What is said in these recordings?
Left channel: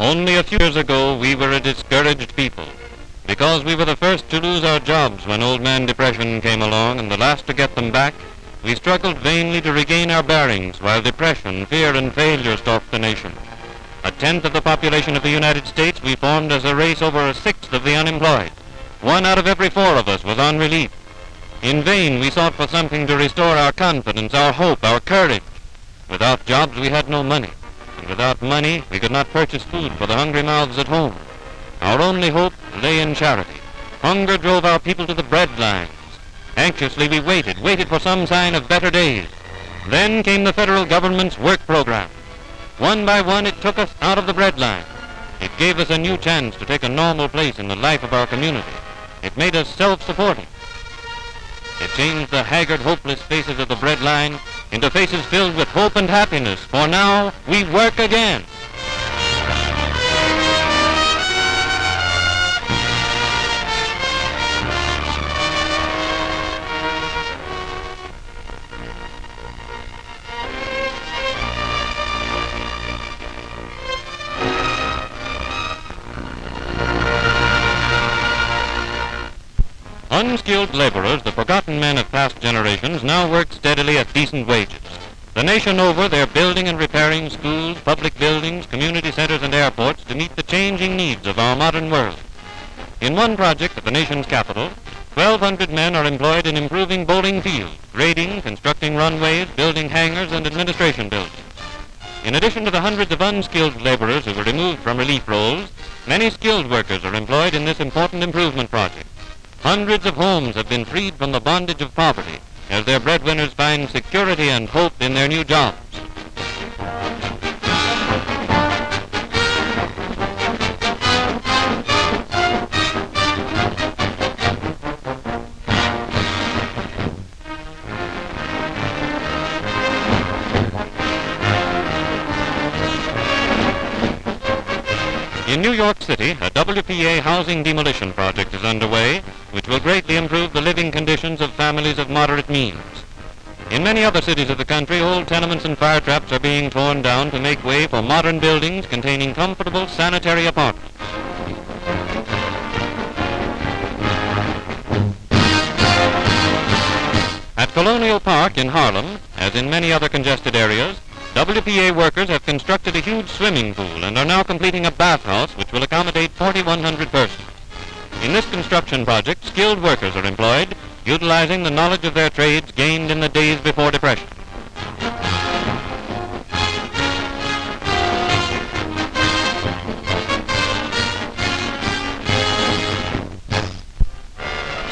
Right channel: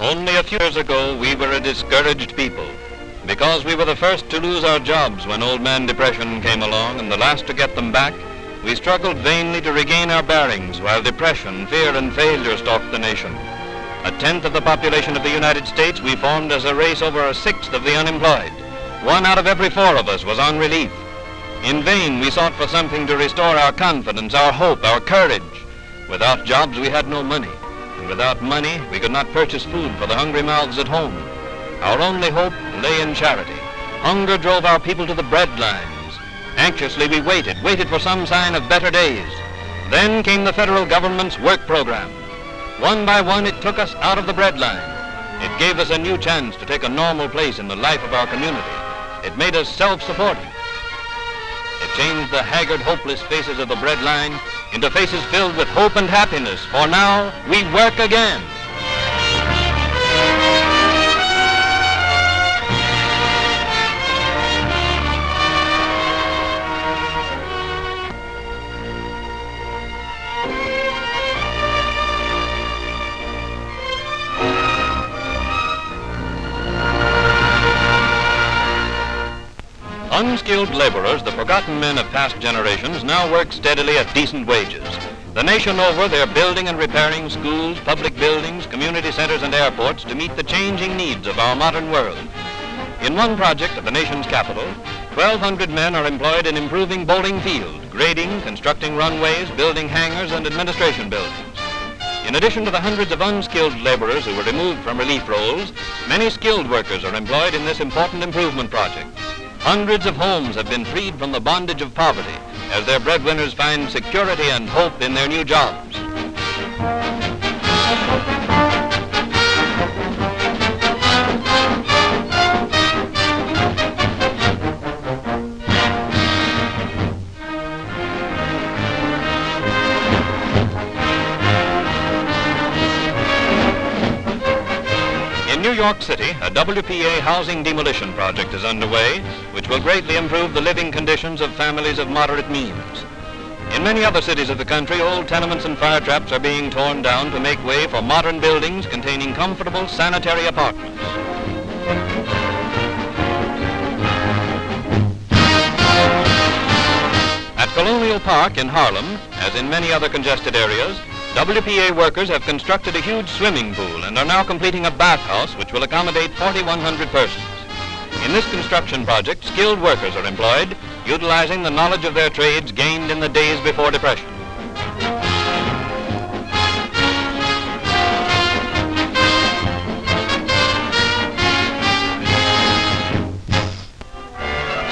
Only a few years ago, we were a discouraged people. Because we were the first to lose our jobs when Old Man Depression came along and the last to get them back, we struggled vainly to regain our bearings while depression, fear, and failure stalked the nation. A tenth of the population of the United States, we formed as a race over a sixth of the unemployed. 1 out of every 4 of us was on relief. In vain, we sought for something to restore our confidence, our hope, our courage. Without jobs, we had no money. And without money, we could not purchase food for the hungry mouths at home. Our only hope lay in charity. Hunger drove our people to the breadlines. Anxiously, we waited for some sign of better days. Then came the federal government's work program. One by one, it took us out of the breadline. It gave us a new chance to take a normal place in the life of our community. It made us self-supporting. It changed the haggard, hopeless faces of the breadline into faces filled with hope and happiness, for now we work again. Unskilled laborers, the forgotten men of past generations, now work steadily at decent wages. The nation over, they're building and repairing schools, public buildings, community centers, and airports to meet the changing needs of our modern world. In one project at the nation's capital, 1,200 men are employed in improving Bowling Field, grading, constructing runways, building hangars, and administration buildings. In addition to the hundreds of unskilled laborers who were removed from relief roles, many skilled workers are employed in this important improvement project. Hundreds of homes have been freed from the bondage of poverty as their breadwinners find security and hope in their new jobs. In New York City, a WPA housing demolition project is underway, which will greatly improve the living conditions of families of moderate means. In many other cities of the country, old tenements and fire traps are being torn down to make way for modern buildings containing comfortable sanitary apartments. At Colonial Park in Harlem, as in many other congested areas, WPA workers have constructed a huge swimming pool and are now completing a bathhouse which will accommodate 4,100 persons. In this construction project, skilled workers are employed, utilizing the knowledge of their trades gained in the days before depression.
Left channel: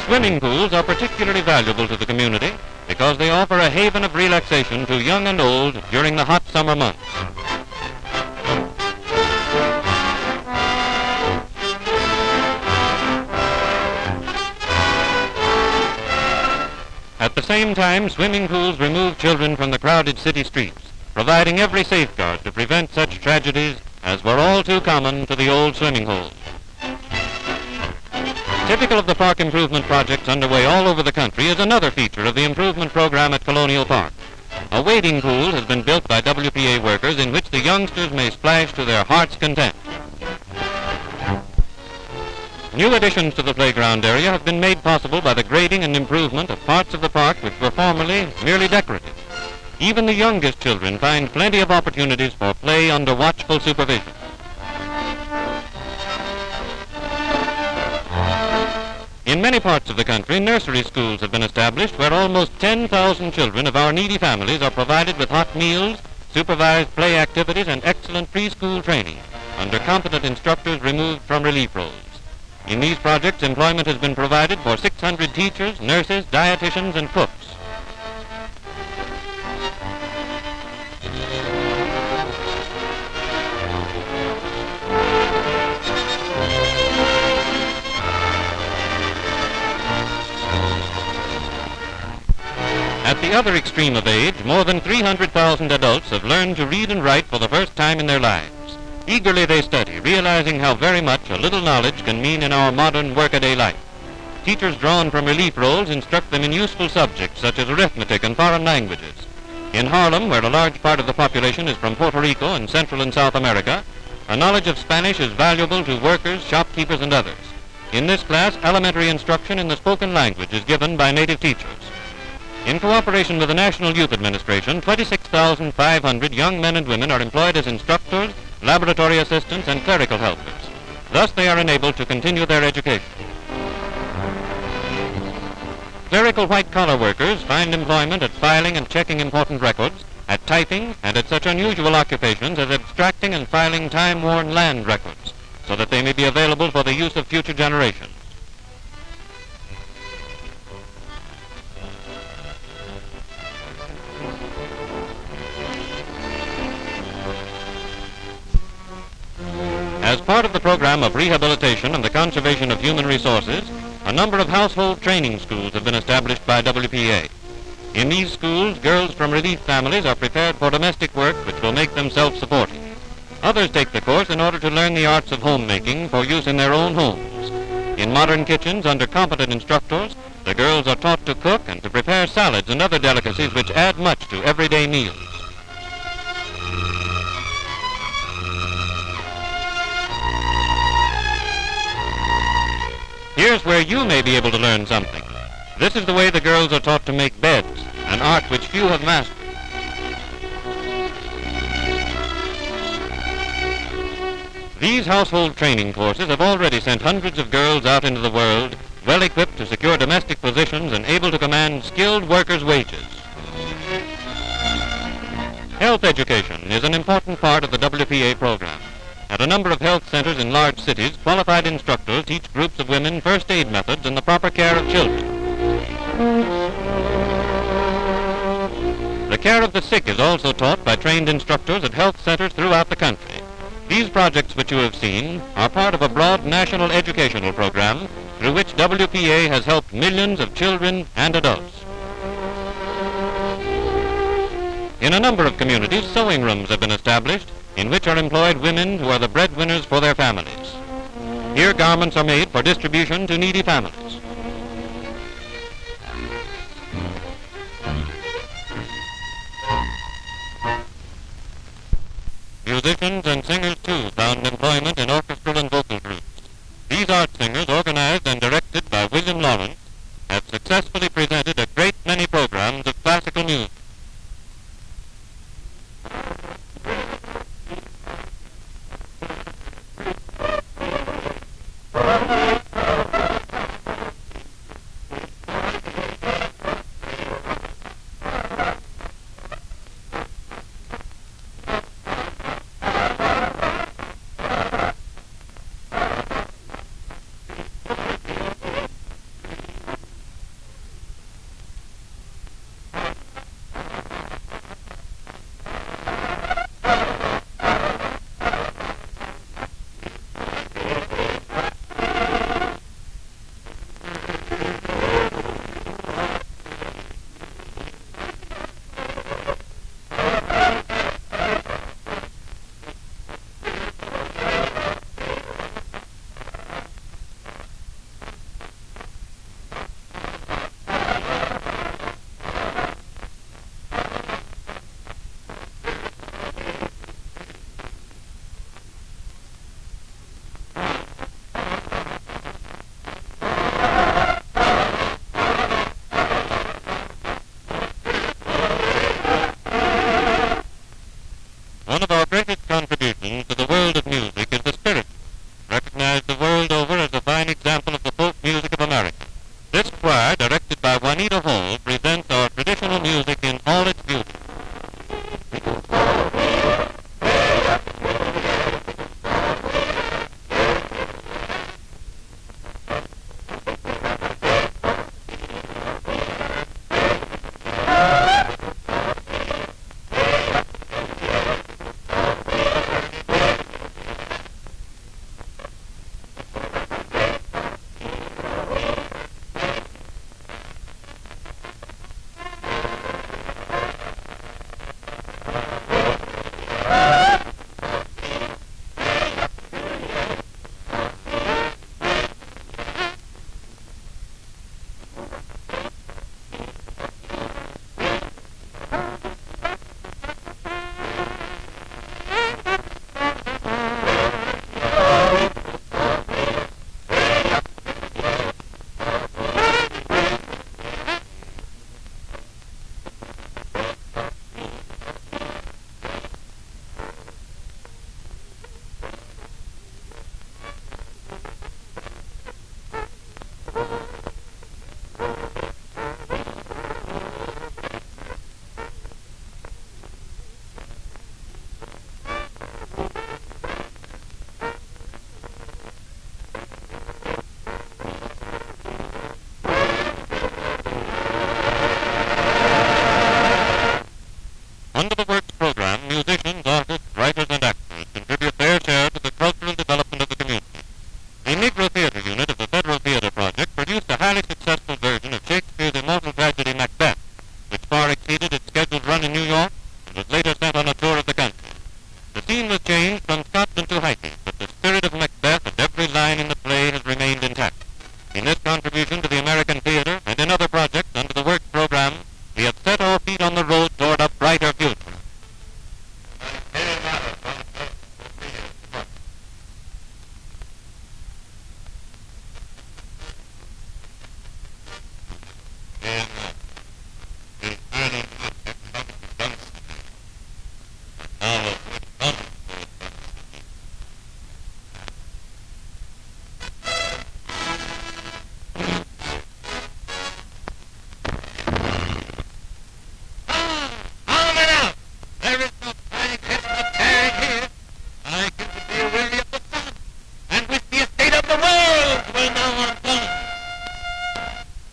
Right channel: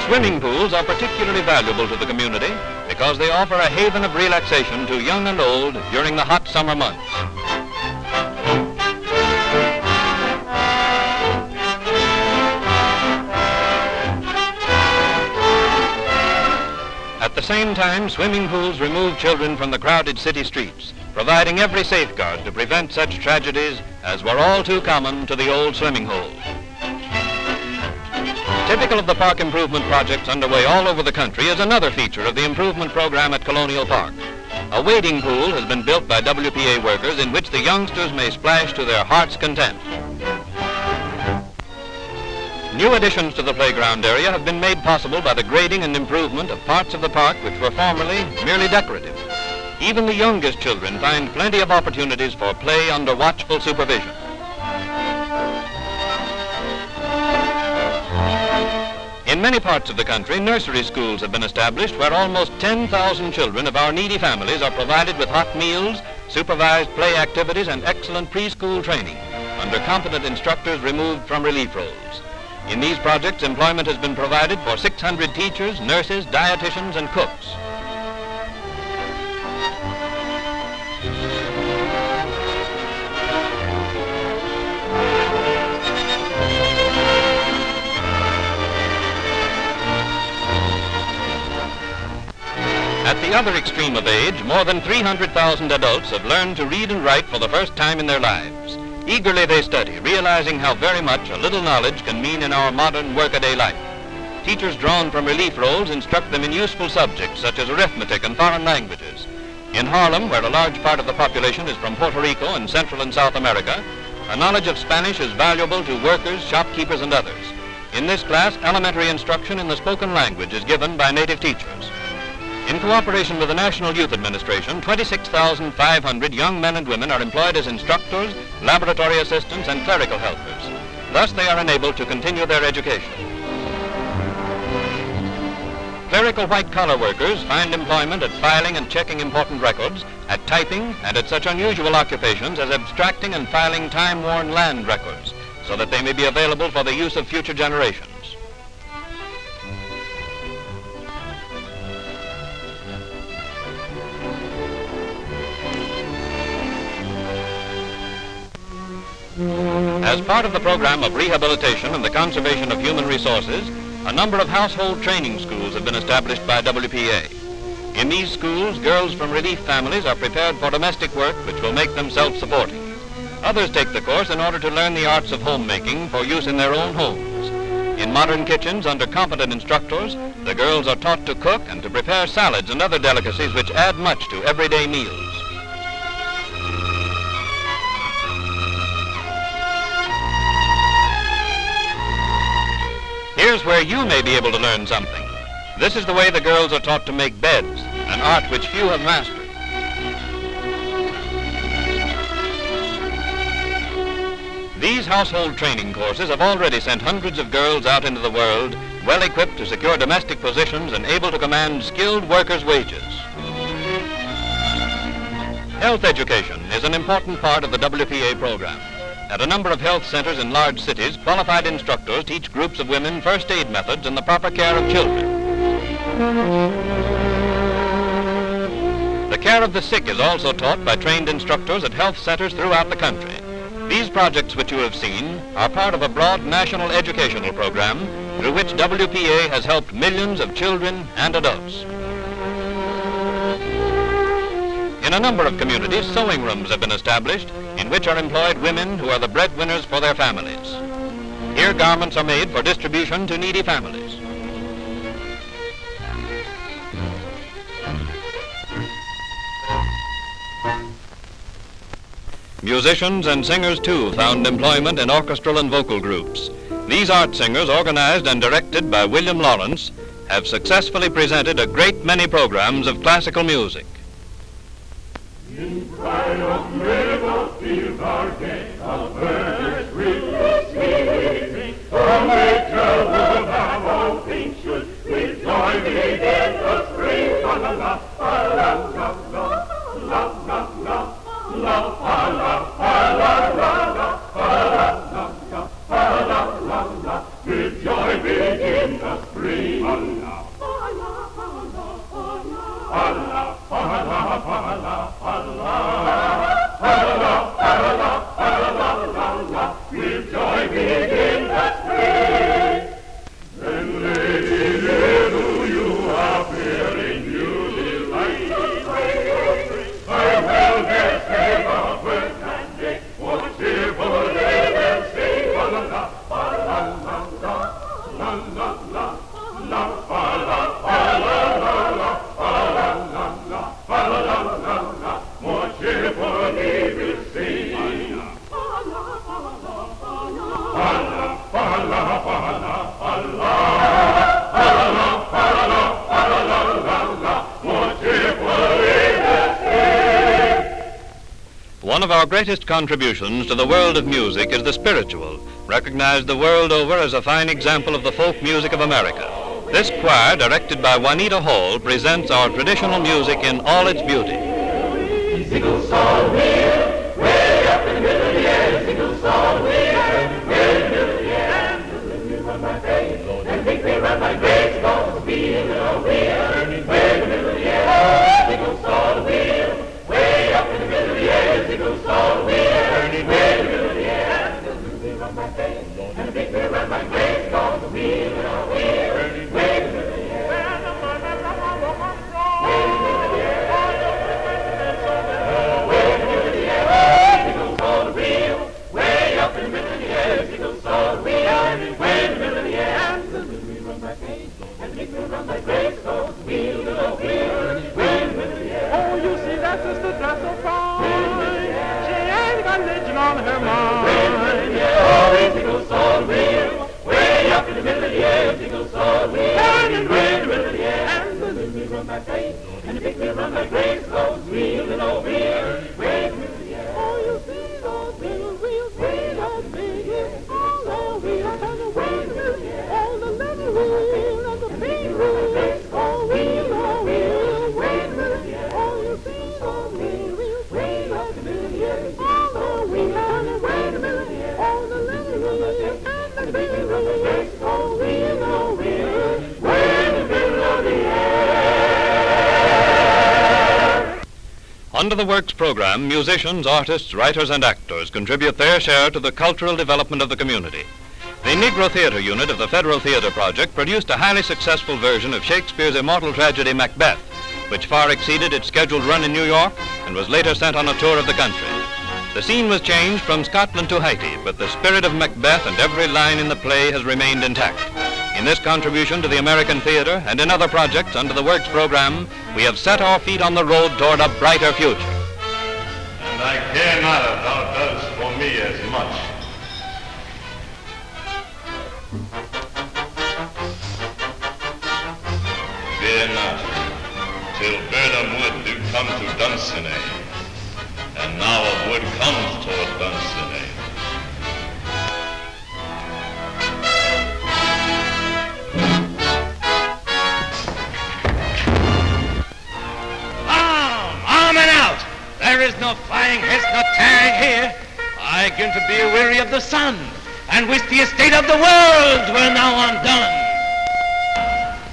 Swimming pools are particularly valuable to the community because they offer a haven of relaxation to young and old during the hot summer months. At the same time, swimming pools remove children from the crowded city streets, providing every safeguard to prevent such tragedies as were all too common to the old swimming hole. Typical of the park improvement projects underway all over the country is another feature of the improvement program at Colonial Park. A wading pool has been built by WPA workers in which the youngsters may splash to their heart's content. New additions to the playground area have been made possible by the grading and improvement of parts of the park which were formerly merely decorative. Even the youngest children find plenty of opportunities for play under watchful supervision. In many parts of the country, nursery schools have been established where almost 10,000 children of our needy families are provided with hot meals, supervised play activities, and excellent preschool training under competent instructors removed from relief roles. In these projects, employment has been provided for 600 teachers, nurses, dietitians, and cooks. At the other extreme of age, more than 300,000 adults have learned to read and write for the first time in their lives. Eagerly they study, realizing how very much a little knowledge can mean in our modern workaday life. Teachers drawn from relief roles instruct them in useful subjects such as arithmetic and foreign languages. In Harlem, where a large part of the population is from Puerto Rico and Central and South America, A knowledge of Spanish is valuable to workers, shopkeepers, and others. In this class, elementary instruction in the spoken language is given by native teachers. In cooperation with the National Youth Administration, 26,500 young men and women are employed as instructors, laboratory assistants, and clerical helpers. Thus, they are enabled to continue their education. Clerical white-collar workers find employment at filing and checking important records, at typing, and at such unusual occupations as abstracting and filing time-worn land records, so that they may be available for the use of future generations. As part of the program of rehabilitation and the conservation of human resources, a number of household training schools have been established by WPA. In these schools, girls from relief families are prepared for domestic work which will make them self-supporting. Others take the course in order to learn the arts of homemaking for use in their own homes. In modern kitchens, under competent instructors, the girls are taught to cook and to prepare salads and other delicacies which add much to everyday meals. Here's where you may be able to learn something. This is the way the girls are taught to make beds, an art which few have mastered. These household training courses have already sent hundreds of girls out into the world, well equipped to secure domestic positions and able to command skilled workers' wages. Health education is an important part of the WPA program. At a number of health centers in large cities, qualified instructors teach groups of women first aid methods and the proper care of children. The care of the sick is also taught by trained instructors at health centers throughout the country. These projects which you have seen are part of a broad national educational program through which WPA has helped millions of children and adults. In a number of communities, sewing rooms have been established in which are employed women who are the breadwinners for their families. Here, garments are made for distribution to needy families. Musicians and singers, too, found employment in orchestral and vocal groups. These art singers, organized and directed by William Lawrence, have successfully presented a great many programs of classical music. In pride of miracles, fields are gay, of birds sweet, sweet, oh, make trouble have all things should, with joy begin the spring, la la la, la la la, la la la, la la la, la la la, with joy begin the spring, la la with joy begin the spring. Then, lady, here do you appear in beauty light. I will their save of birth and day, for cheerfully will sing. La la la, la la la, la la la, la la la, more cheerfully will sing. One of our greatest contributions to the world of music is the spiritual, recognized the world over as a fine example of the folk music of America. This choir, directed by Juanita Hall, presents our traditional music in all its beauty. Sickles all wheel, way up in the middle of the air. Sickles all wheel, way in the middle of the air. And run my face, and think they run my grace, cause the wheel and a wheel, way in the middle of the air. Sickles all wheel, way up in the middle of the air. Sickles all wheel, way in the middle of the air. And they run my face, and think they run my grace, cause the wheel and a wheel, way in the middle of the air. Way in the middle of the air. Sickles all wheel, way up in the middle of the air. salt wheel, and where the river, yeah, and the little wheel run by Pathe, and the big wheel run by Grace, goes wheeling over here, where the river, yeah. Oh, you see those little wheels, way up the big hill, all the wheels, and the way the river, yeah. All the little wheel, and the big wheel, oh, wheel, way the river, yeah. Oh, you see those little wheels, way up the big hill, all the wheels, and the way the river, yeah. All the little wheel, and the big wheel, oh, wheel, way the middle of the air. Under the Works program, musicians, artists, writers, and actors contribute their share to the cultural development of the community. The Negro Theater Unit of the Federal Theater Project produced a highly successful version of Shakespeare's immortal tragedy Macbeth, which far exceeded its scheduled run in New York and was later sent on a tour of the country. The scene was changed from Scotland to Haiti, but the spirit of Macbeth and every line in the play has remained intact. In this contribution to the American theater and in other projects under the Works program, we have set our feet on the road toward a brighter future. And I care not if thou does for me as much. Fear not, till Burnham Wood do come to Dunsinane, and now a wood comes toward Dunsinane. Arm and out! There is no flying hist, no tearing here. I begin to be weary of the sun, and wish the estate of the world were now undone.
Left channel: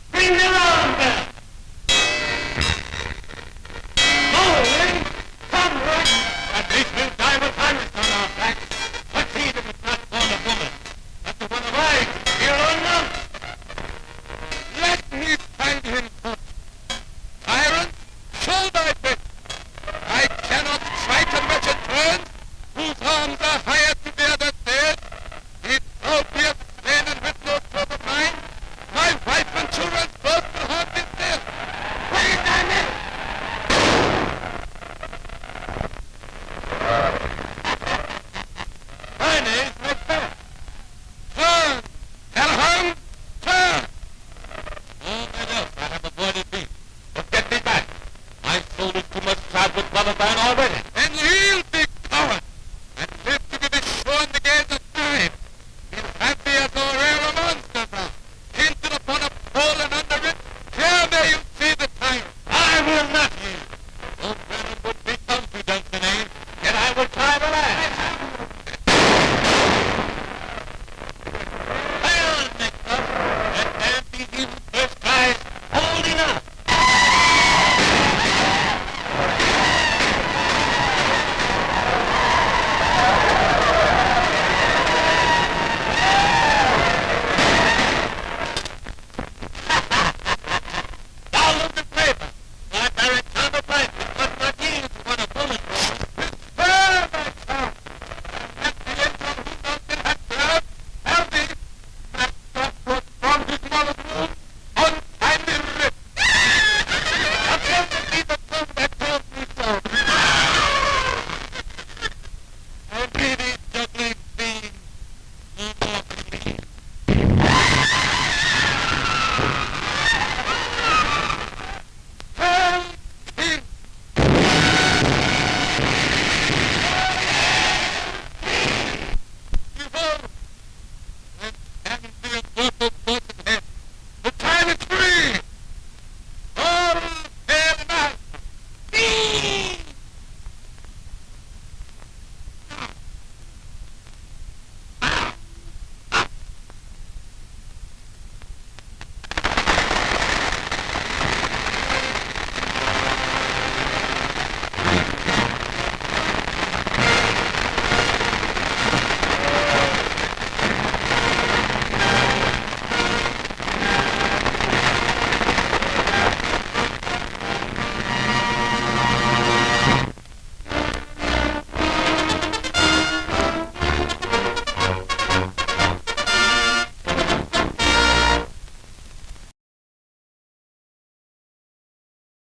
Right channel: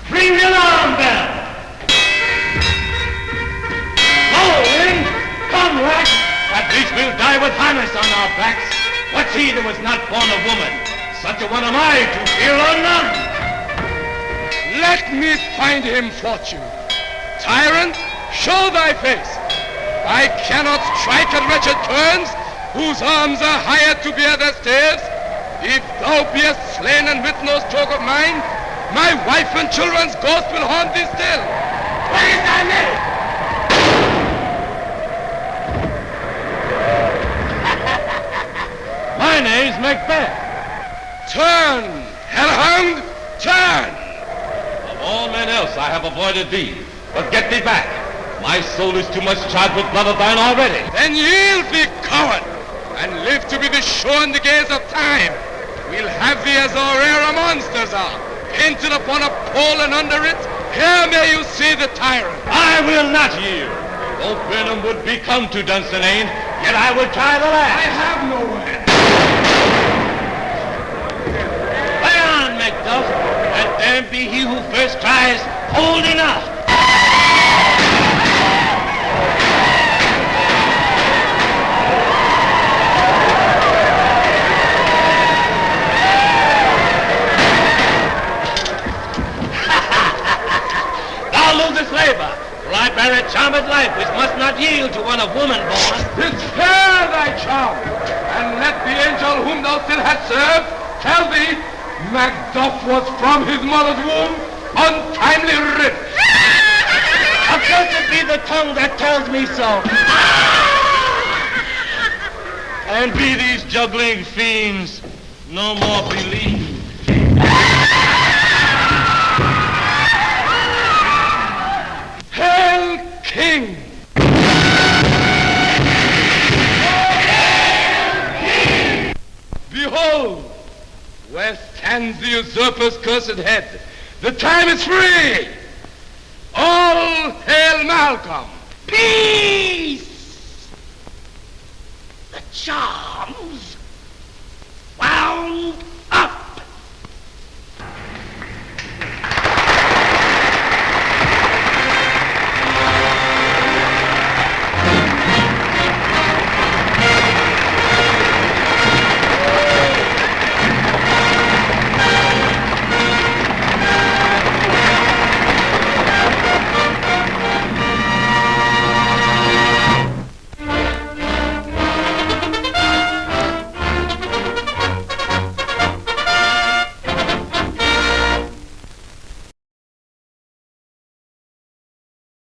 Ring the alarm bell! Low, wind! Come, rack! At least we'll die with harness on our backs. What's he that was not born of woman? Such a one am I to fear or none. Let me find him fortune. Tyrant, show thy face. I cannot strike at wretched turns, whose arms are hired to bear their staves. If thou beest slain and with no stroke of mine, my wife and children's ghost will haunt thee still. What is thy name? My name's Macbeth. Turn, hellhound, turn! Of all men else I have avoided thee, but get thee back. My soul is too much charged with blood of thine already. Then yield thee, coward, and live to be the show and the gaze of time. We'll have thee as our rare monsters are, painted upon a pole, and under it, here may you see the tyrant. I will not yield. Though Burnham would be come to Dunsinane, yet I will try the last. I have no way. Lay on, Macduff, and damned be he who first cries, hold enough. Labor, for I bear a charmed life which must not yield to one of woman born. Despair thy charm, and let the angel whom thou still hast served tell thee Macduff was from his mother's womb untimely ripped. Accursed be the tongue that tells me so. And be these juggling fiends no more believed. Hail, King! Hail, King! Behold, where stands the usurper's cursed head. The time is free! All hail Malcolm! Peace! The charms wound up.